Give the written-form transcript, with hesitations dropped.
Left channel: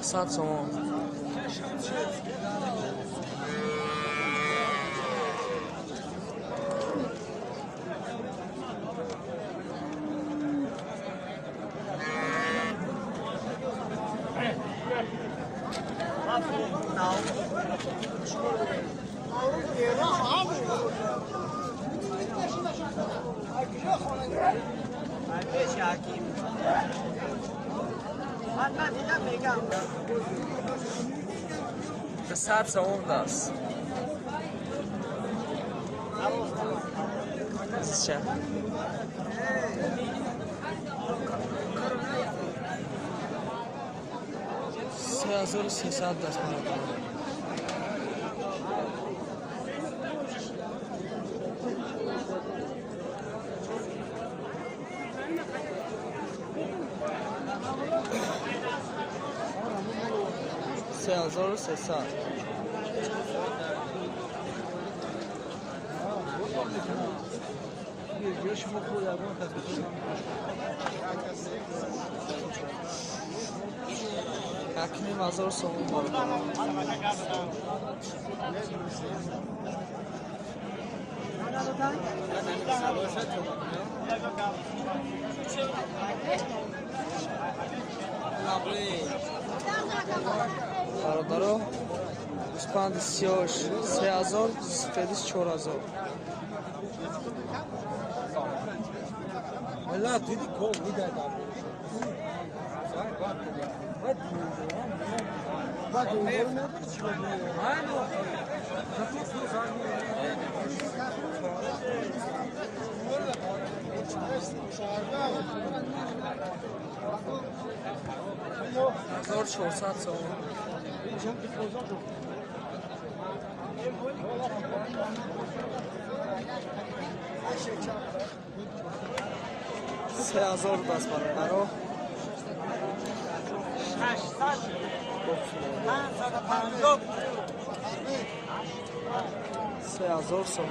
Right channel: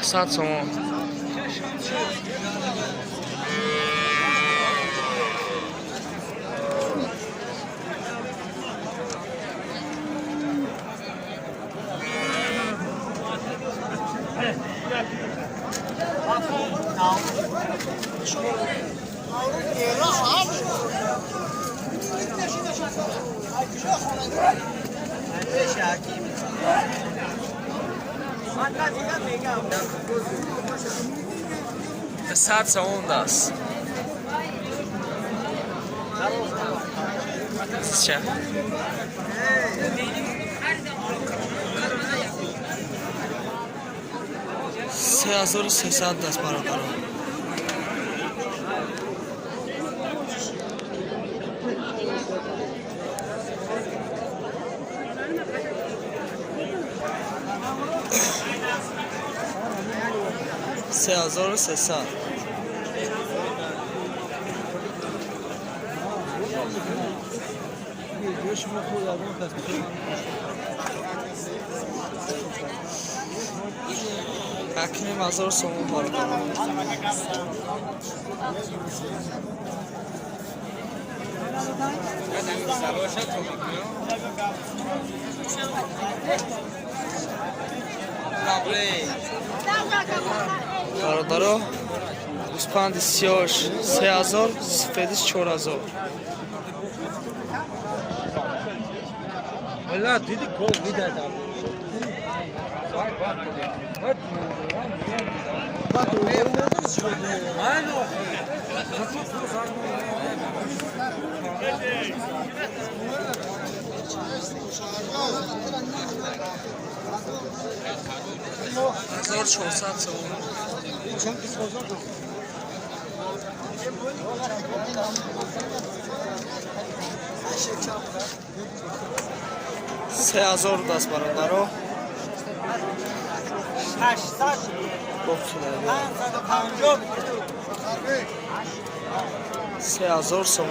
600 сомон. صد سوم است. چه؟ 3300 است برادر. سه هزار و سیصد. اکنیم 1000 سوم برادر. برادر گوسپند سیاهش 3000 سفیدش 4000. والله دیدی کل میدادم هزار 400 سوم. 3000 دست برادر. 3000 سوم.